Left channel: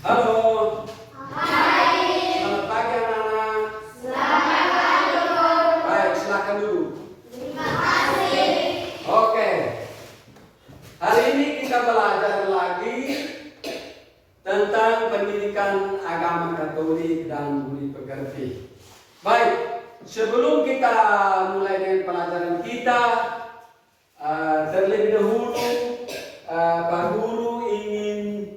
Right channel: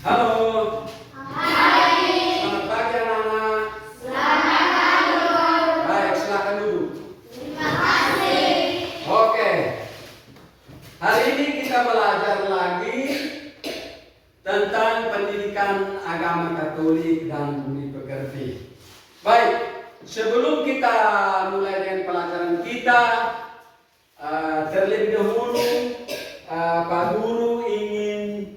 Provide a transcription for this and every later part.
Halo. Hai. Selamat pagi anak-anak. Selamat pagi. Baik, silakan duduk. Terima kasih. Oke. Hari ini kita belajar lagi tentang pendidikan agama Katolik dan budi pekerti. Baik, sebelum kita mulai dengan pelajaran kita, terlebih dahulu Pak Guru ingin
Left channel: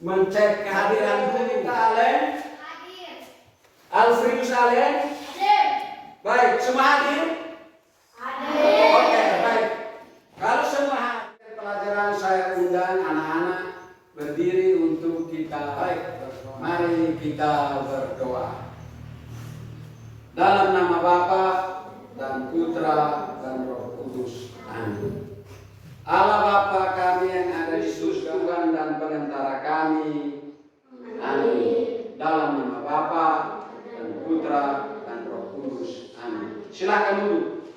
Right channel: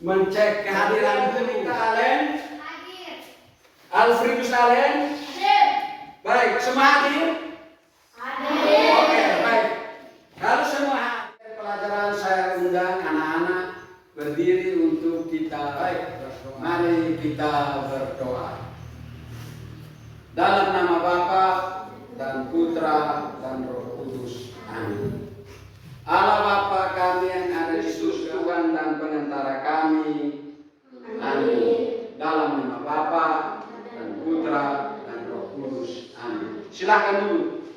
mencek kehadiran guru kita Alen. Hadir. Alfredus Alen. Hadir. Baik, semua hadir? Hadir. Oke, baik. Kalau semua hadir pelajaran, saya undang anak-anak berdiri untuk kita. Baik, mari kita berdoa. Dalam nama Bapa dan Putra dan Roh Kudus. Amin. Allah Bapa kami yang ada di surga, Tuhan dan penentara kami. Amin. Dalam nama Bapa dan Putra dan Roh Kudus. Amin. Silakan duduk.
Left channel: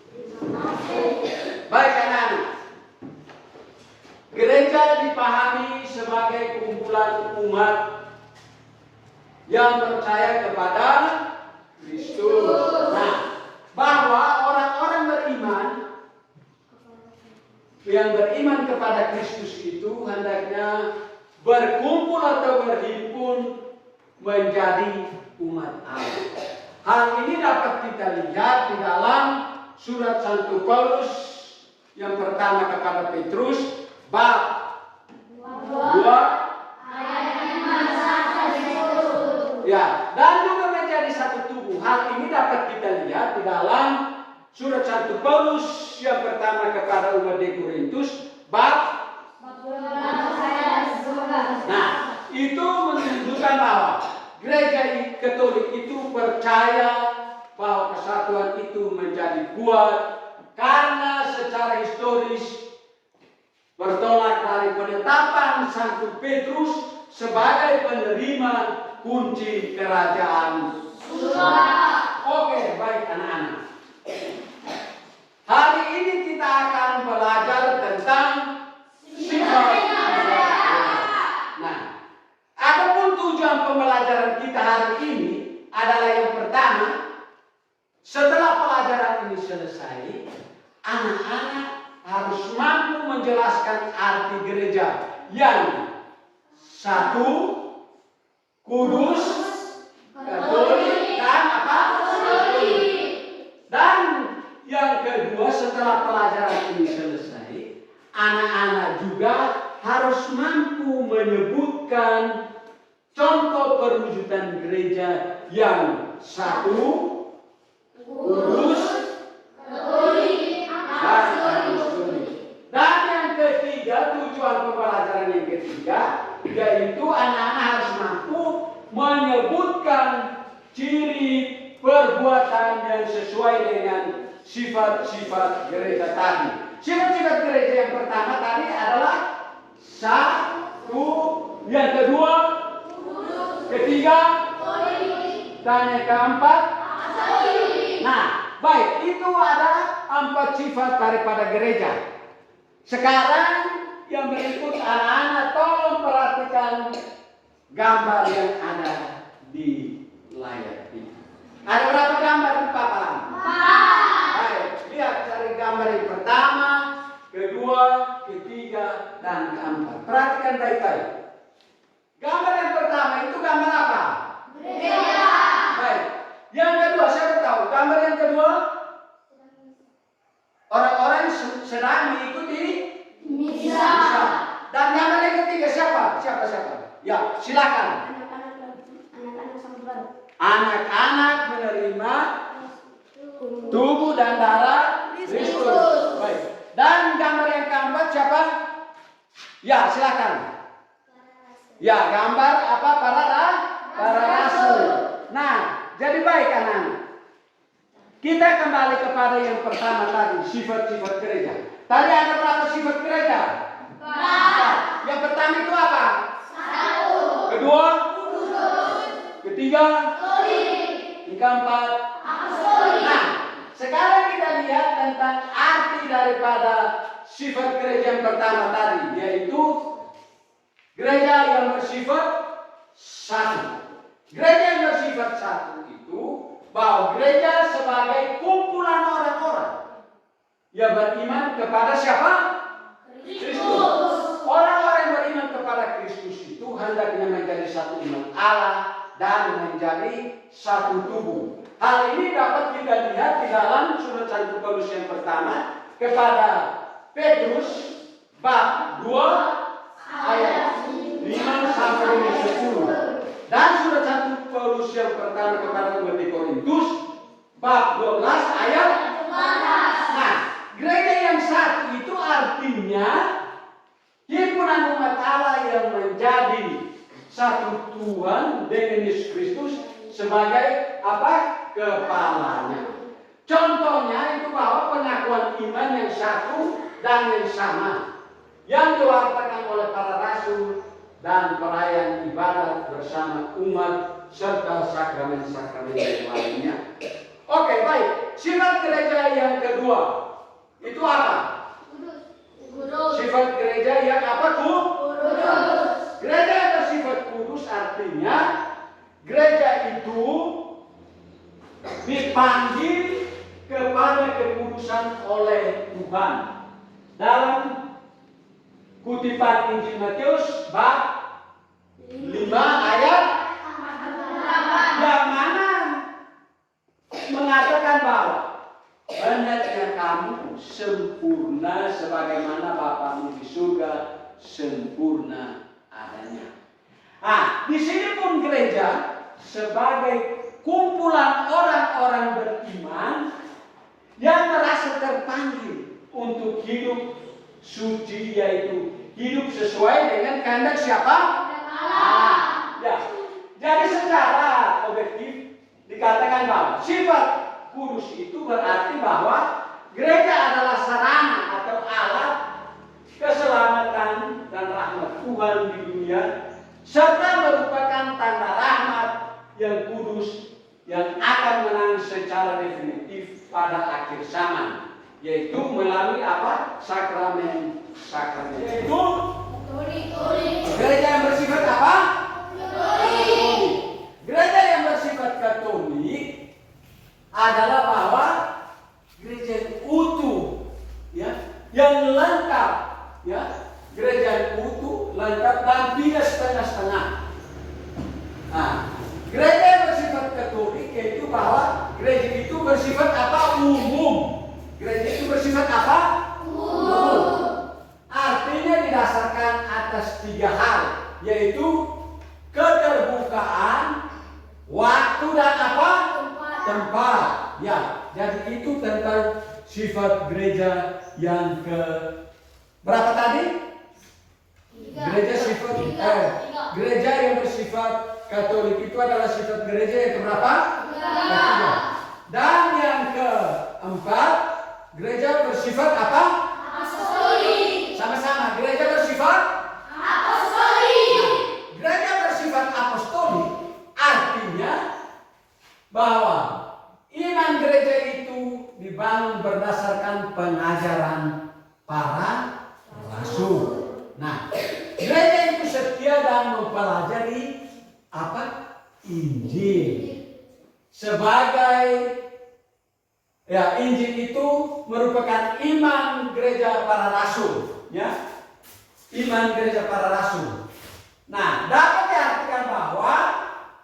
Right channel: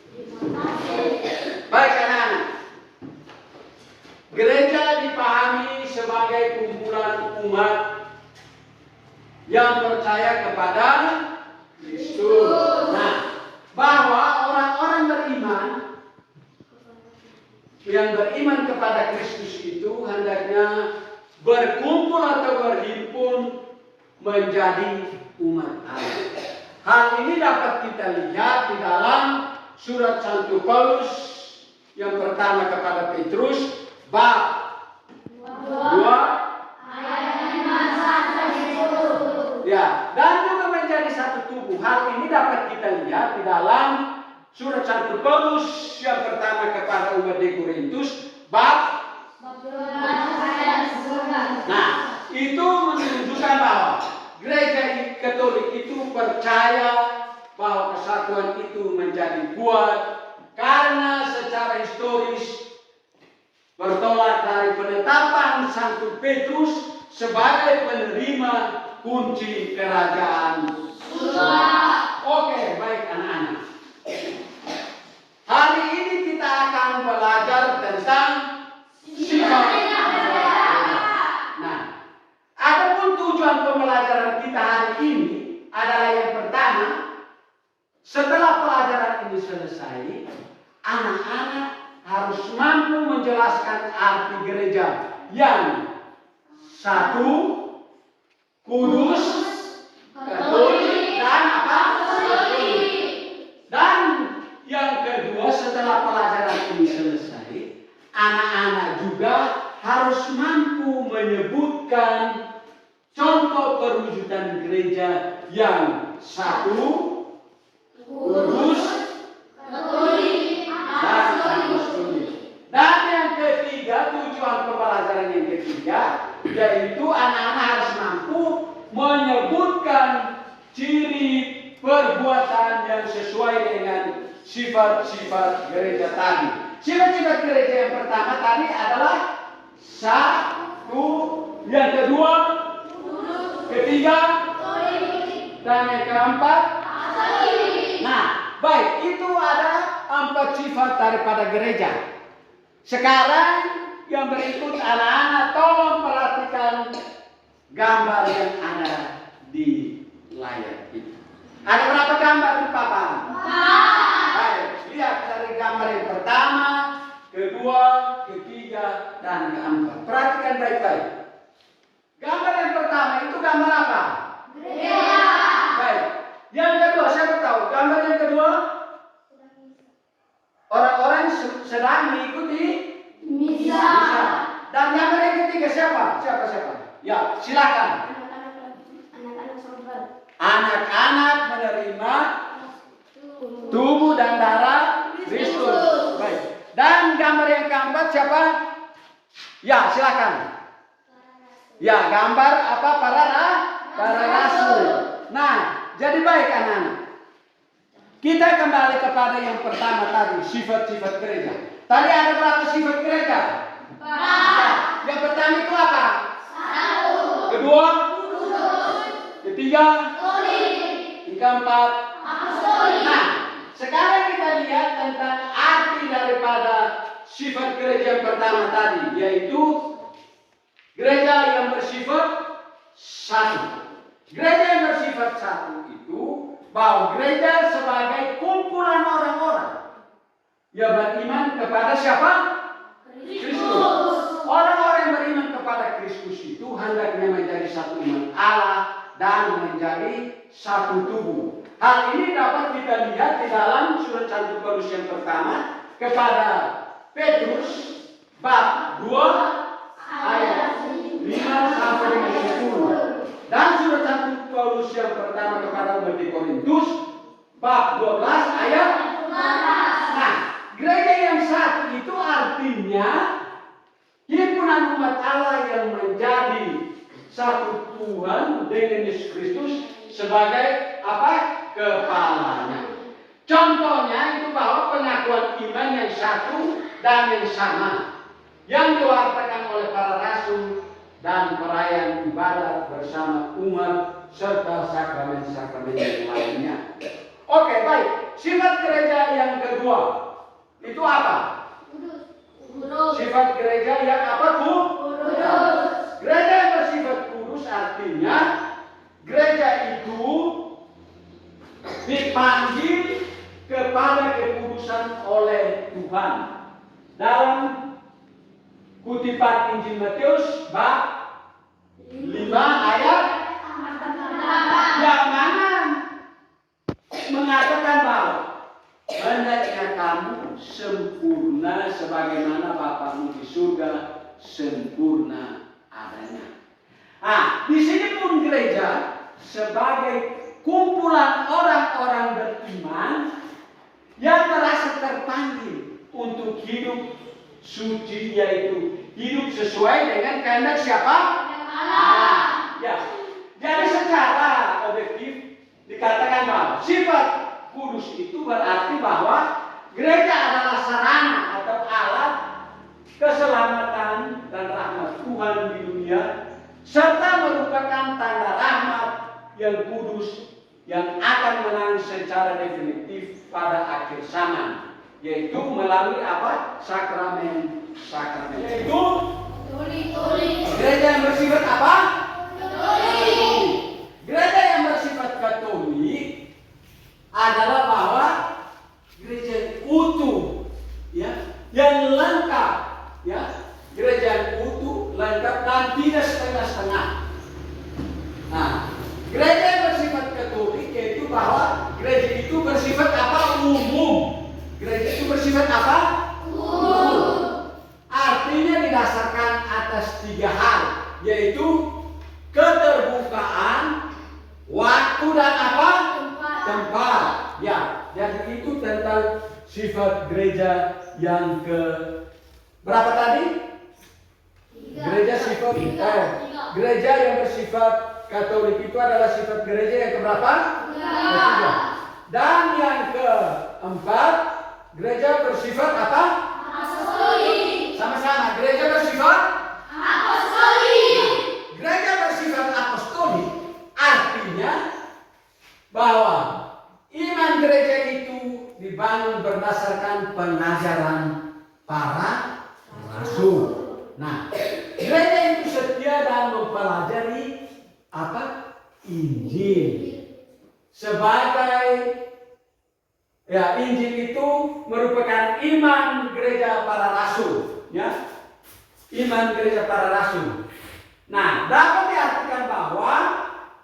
Baik anak-anak. Gereja dipahami sebagai kumpulan umat yang percaya kepada Kristus. Nah, bahwa orang-orang beriman yang beriman kepada Kristus itu hendaknya berkumpul atau berhimpun menjadi umat Allah. Hal ini dapat kita lihat di dalam surat Santo Paulus yang pertama kepada Petrus bab 2 ayat 5 sampai 10. ya, dan juga menjadi satu tubuh. Hal ini dapat kita lihat di dalam surat Santo Paulus yang pertama kepada umat di Korintus bab 12 ayat 11. Nah, itu menunjukkan bahwa gereja Katolik itu percaya bahwa kesatuan itu menjadi kuat karena secara historis bertolak dari penetapan Santo Petrus sebagai penerima kunci kerajaan surga. Oke, baik anak-anak. Hari ini kita akan belajar tentang sifat. Nah, adapun tujuan pembelajaran kita hari ini adalah yang pertama, setelah pelajaran ini selesai, anak-anak harus mampu menjelaskan arti gereja yang satu, kudus, katolik, dan apa? Dan yang kedua, setelah pelajaran ini selesai, anak-anak juga harus mampu menyebutkan contoh perwujudan gereja yang satu, kudus, dan apostolik. Dan yang ketiga, tujuan pembelajaran yang ketiga, yaitu anak-anak harus mampu menyebutkan ciri perbuatan yang sesuai dengan sifat-sifat gereja tadi. Sifat-sifat gereja yang pertama tadi adalah satu, yang kedua, ketiga, dan yang keempat. Nah, baik, itu ada 4 sifat daripada gereja. Sekarang yang berikut anak-anak tolong perhatikan gambar yang ada di layar ini. Ada berapa gambar di papan? Baik, lihat dari gambar yang pertama, kedua, ketiga, dan keempat. Perhatikan baik-baik. Gambar yang pertama itu gambar apa? Gereja. Baik. Yang kedua, siapa tahu? Gambar yang kedua, orang-orang sedang mengikuti Misa. Dan gambar yang ketiga siapa? Siapa? Ya, silakan. Anak-anak sabar. Anak-anak menerima tubuh dan darah Kristus. Baik. Dan gambar yang keempat siapa? Ya, silakan. Ya, gambar apa? Para rasul. Nah, jadi baik anak-anak. Kita kembali kepada yang pertama tadi, sifat-sifat gereja. Tadi ada berapa sifat gereja? 4. Yang pertama itu apa? 1. Kedua? Ketiga? Yang keempat? Nah, sekarang kita lihat tentang arti daripada sifat gereja yang pertama tadi, yaitu gereja yang bersifat satu. Gereja yang bersifat satu itu bahwa gereja sebagai kumpulan orang-orang yang beriman kepada siapa? Kristus. Orang-orang yang beriman kepada Kristus itu hendaknya menjadi satu umat Allah dan menjadi satu tubuh. Hal ini dapat kita lihat di dalam surat 1 Paulus yang pertama kepada Petrus bab 2 ayat 5 sampai 10. Dan surat 1 Paulus yang pertama kepada umat di Korintus bab 12 ayat 14. Nah, gereja yang satu itu artinya himpunan umat Allah yang menjadi satu Tuhan dengan Yesus Kristus sebagai apa? Kepalanya. Contohnya itu bahwa pengakuan iman yang satu dan yang sama yang diwartakan oleh para rasul dan perayaan ibadat bersama umat serta sakramen-sakramen yang lainnya. Oke, baik. Sifat gereja yang kedua itu apa? Sifat gereja yang apa, Bu? Kudus. Gereja yang bersifat kudus artinya gereja itu dipanggil kepada kekudusan oleh Tuhan. Dalam kutipan Injil Matius bab 5 ayat yang mana mengatakan bahwa hendaknya kamu sempurna sebagaimana Bapamu di surga sempurna adanya. Nah, di sini pun gereja sebagai kumpulan orang-orang beriman yang merasa terpanggil untuk hidup suci, yaitu hidup sesuai dengan kehendak siapa? Allah. Ya. Jadi secara objektif dikatakan bahwa sifat kudus itu berarti bahwa gereja adalah sarana atau alat keselamatan dan rahmat Tuhan di dunia, serta merupakan tanda rahmat yang kudus yang akan menangis secara definitif pada akhir zaman, yaitu melalui apa? Sakramen. Yaitu gereja yang bersifat apa? Katolik. Gereja yang bersifat Katolik adalah bahwa gereja yang utuh, ya, yang lengkap, ya, gereja yang utuh, lengkap dan tidak setengah-setengah. Nah, gereja yang bersifat Katolik yaitu bahwa gereja itu bersifat apa? Umum. Gereja itu bersifat apa? Umum. Artinya didasarkan atas 3 hal, yaitu keterbukaan, waktu dan apa? Tempat. Ya, jadi itu tentang sifat gereja yang ke berapa tadi? Gereja sifat gereja yang bersifat Katolik itu adalah sifat gereja yang keberapa? Ketiga. Dan yang keempat, gereja bersifat apa? Apostolik. Sama-sama, gereja bersifat apostolik. Gereja bersifat apostolik artinya bahwa iman gereja itu dibangun berdasarkan pengajaran para rasul. Nah, gereja itu setia dan mempelajari apa? Injil. Sebagai ya, Injil itu merupakan iman gereja para rasul, ya. Iman gereja para rasul. Nah, dapat diartikan bahwa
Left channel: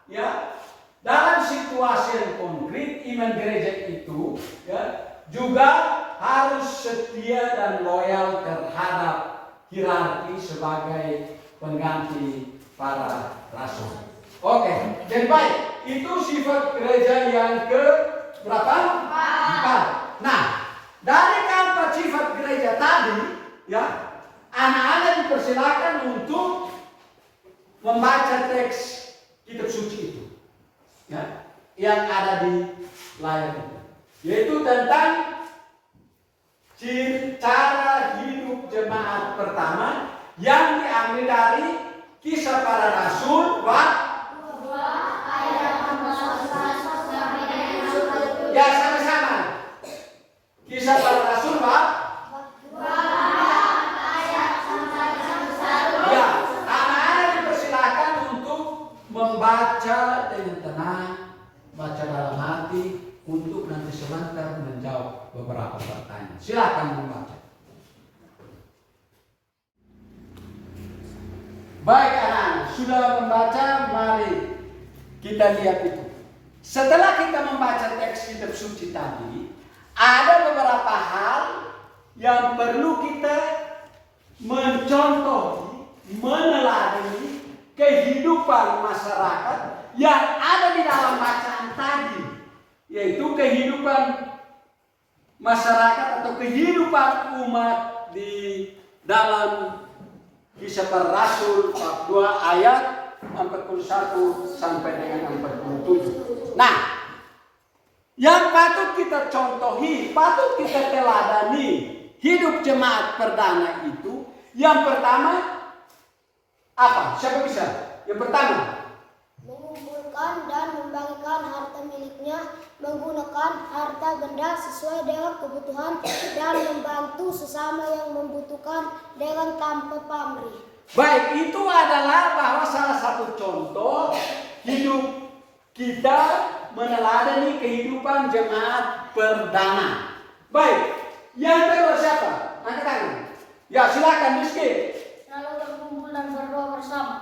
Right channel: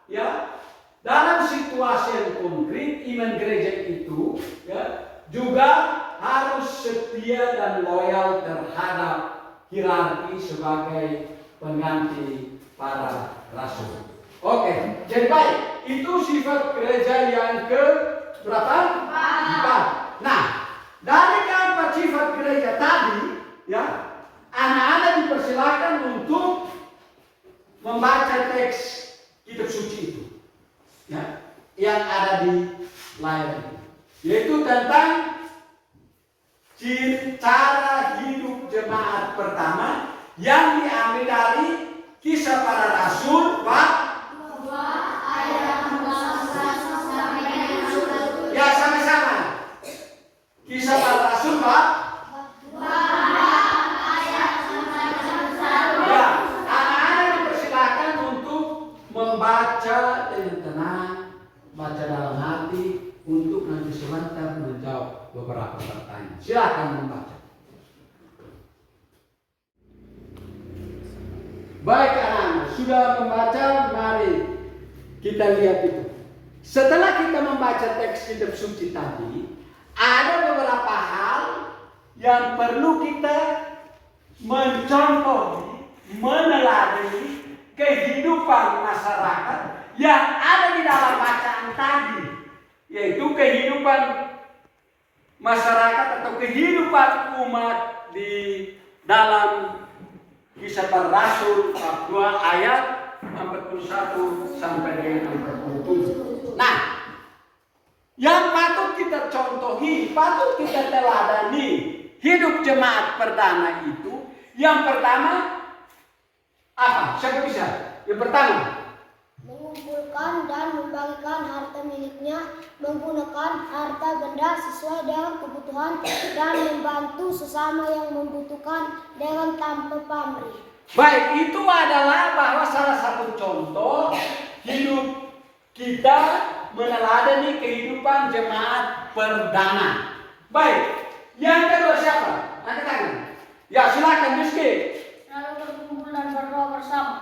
ya, dalam situasi yang konkret iman gereja itu ya, juga harus setia dan loyal terhadap hierarki sebagai pengganti para rasul. Oke, jadi baik, itu sifat gereja yang ke berapa? 4. Nah, dari keempat sifat gereja tadi, ya, anak-anak dipersilakan untuk membaca teks kitab suci itu, ya, yang ada di layar itu, yaitu tentang cara hidup jemaat pertama yang diambil dari Kisah Para Rasul bab 2 ayat 14 sampai 16. Ya, sama-sama. Kisah Para Rasul bab 2 ayat 14. Ya, anak-anak dipersilakan untuk beberapa pertanyaan. Silakan membaca. Baik anak-anak, sudah membaca, mari kita lihat itu. Setelah kita membaca teks kitab suci tadi, ada beberapa hal yang perlu kita mencontohi, meneladani kehidupan masyarakat yang ada di dalam bacaan tadi, yaitu kehidupan masyarakat atau kehidupan umat di dalam Kisah Para Rasul bab 2 ayat 41 sampai dengan 47. Nah, yang patut kita contohi, patut kita teladani hidup jemaat perdana itu, yang pertama apa? Siapa bisa? Yang pertama, mengumpulkan dan membagikan harta miliknya, menggunakan harta benda sesuai dengan kebutuhan, dan membantu sesama yang membutuhkan dengan tanpa pamrih. baik, itu adalah bahwa salah satu contoh hidup kita meneladani kehidupan jemaat perdana. Baik, yang kedua siapa? Angkat tangan. Ya, silakan Rizky. Lalu berkumpul dan berdoa bersama.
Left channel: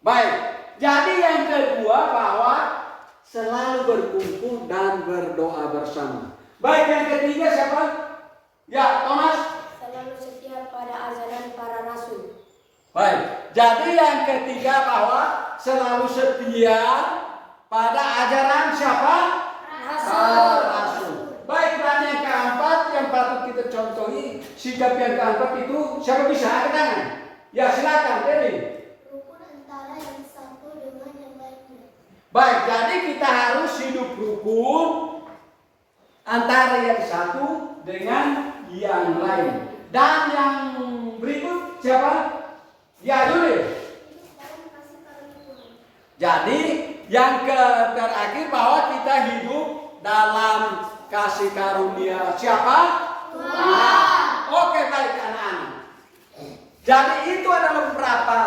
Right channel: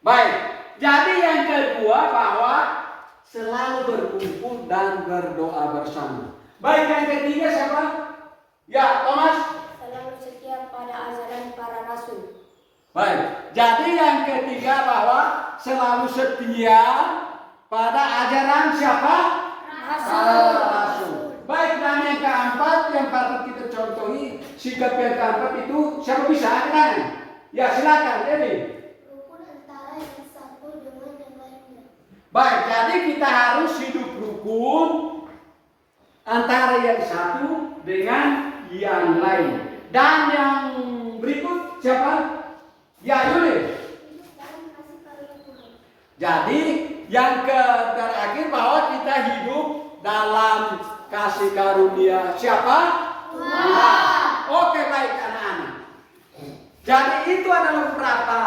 Baik, jadi yang kedua bahwa selalu berkumpul dan berdoa bersama. Baik, yang ketiga siapa? Ya, Thomas. Selalu setia pada ajaran para rasul. Baik, jadi yang ketiga bahwa selalu setia pada ajaran siapa? Rasul. Rasul. Baik, dan yang keempat yang patut kita contohi, sikap yang keempat itu siapa bisa? Angkat tangan. Ya, silakan, Dewi. Rukun antara yang satu dengan yang lainnya. Baik, jadi kita harus hidup rukun antara yang satu dengan yang lain. Dan yang berikut siapa? Ya, Yuli. Jadi yang terakhir bahwa kita hidup dalam kasih karunia siapa? Tuhan. Oke, baik anak-anak. Jadi itu adalah beberapa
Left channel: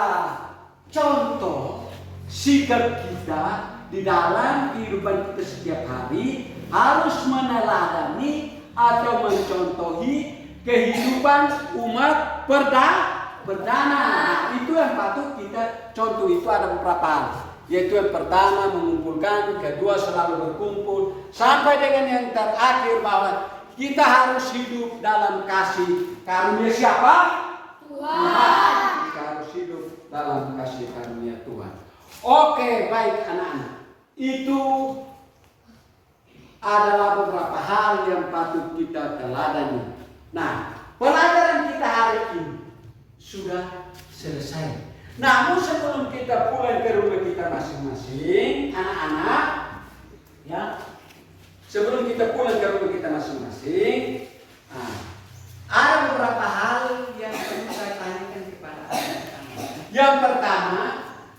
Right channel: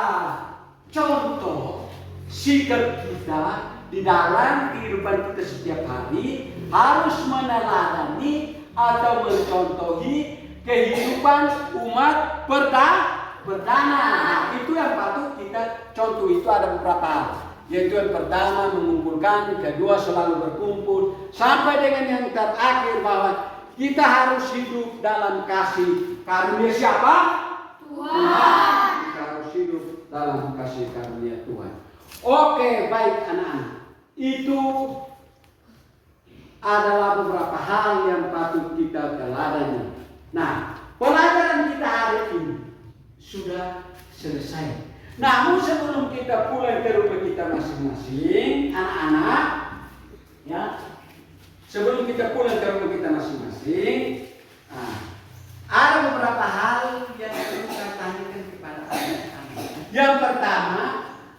contoh sikap kita di dalam kehidupan kita setiap hari harus meneladani atau mencontohi kehidupan umat perdana. Nah, itu yang patut kita contoh. Itu ada beberapa hal, yaitu yang pertama mengumpulkan, kedua selalu berkumpul, sampai dengan yang terakhir bahwa kita harus hidup dalam kasih karunia siapa? Tuhan. Kita harus hidup dalam kasih karunia Tuhan. Oke, baik anak-anak. Itu adalah beberapa hal yang patut kita teladani. Nah, pelajaran kita hari ini sudah selesai. Namun sebelum kita pulang ke rumah kita masing-masing, anak-anak, ya, sebelum kita pulang ke rumah kita masing-masing, ada beberapa hal yang perlu saya tanyakan kepada anak-anak. Yang pertama,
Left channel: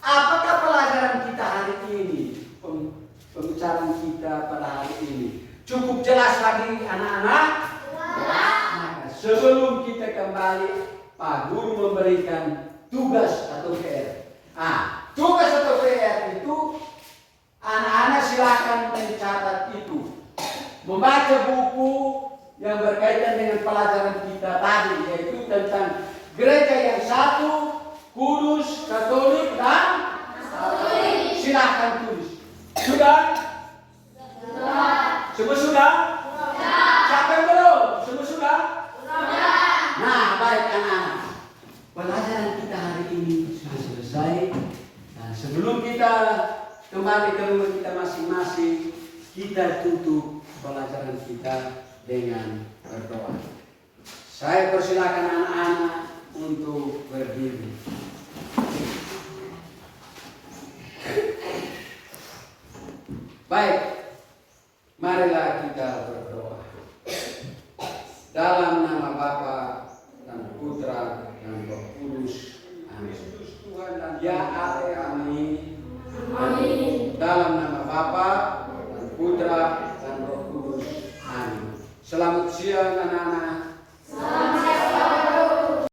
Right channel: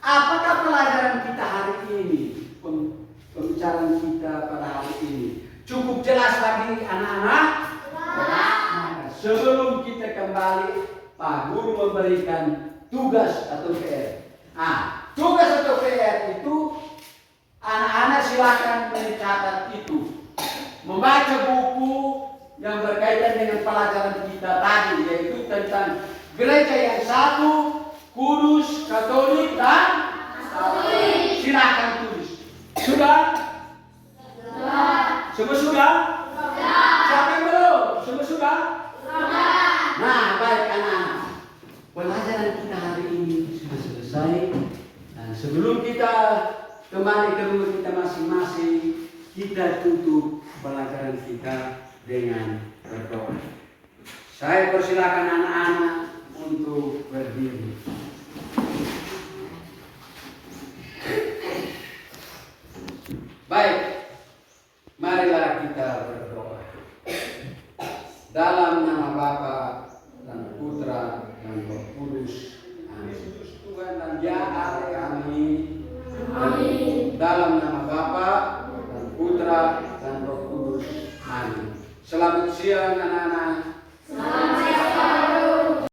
apakah pelajaran kita hari ini, pembicaraan kita pada hari ini, cukup jelas bagi anak-anak? Sebelum kita kembali, Pak Guru memberikan tugas atau PR. Tugas atau PR itu anak-anak silakan mencatat itu, membaca buku yang berkaitan dengan pelajaran kita tadi, yaitu tentang gereja yang satu, kudus, katolik, dan katolik. Silakan tulis. Sudah? Semua sudah? Siapa yang belum? Semua sudah? Nah, baik anak-anak, pelajaran kita hari ini sudah selesai. Dan sebelum kita kembali ke rumah kita masing-masing, kita tutup pelajaran kita dengan berdoa. Saya persilakan anak-anak untuk berdiri. Baik, marilah kita berdoa. Dalam nama Bapa dan Putra dan Roh Kudus. Amin. Tuhan dan ya Ale, amin. Amin. Dalam nama Bapa dan Putra dan Roh Kudus. Amin. Selamat siang anak-anak.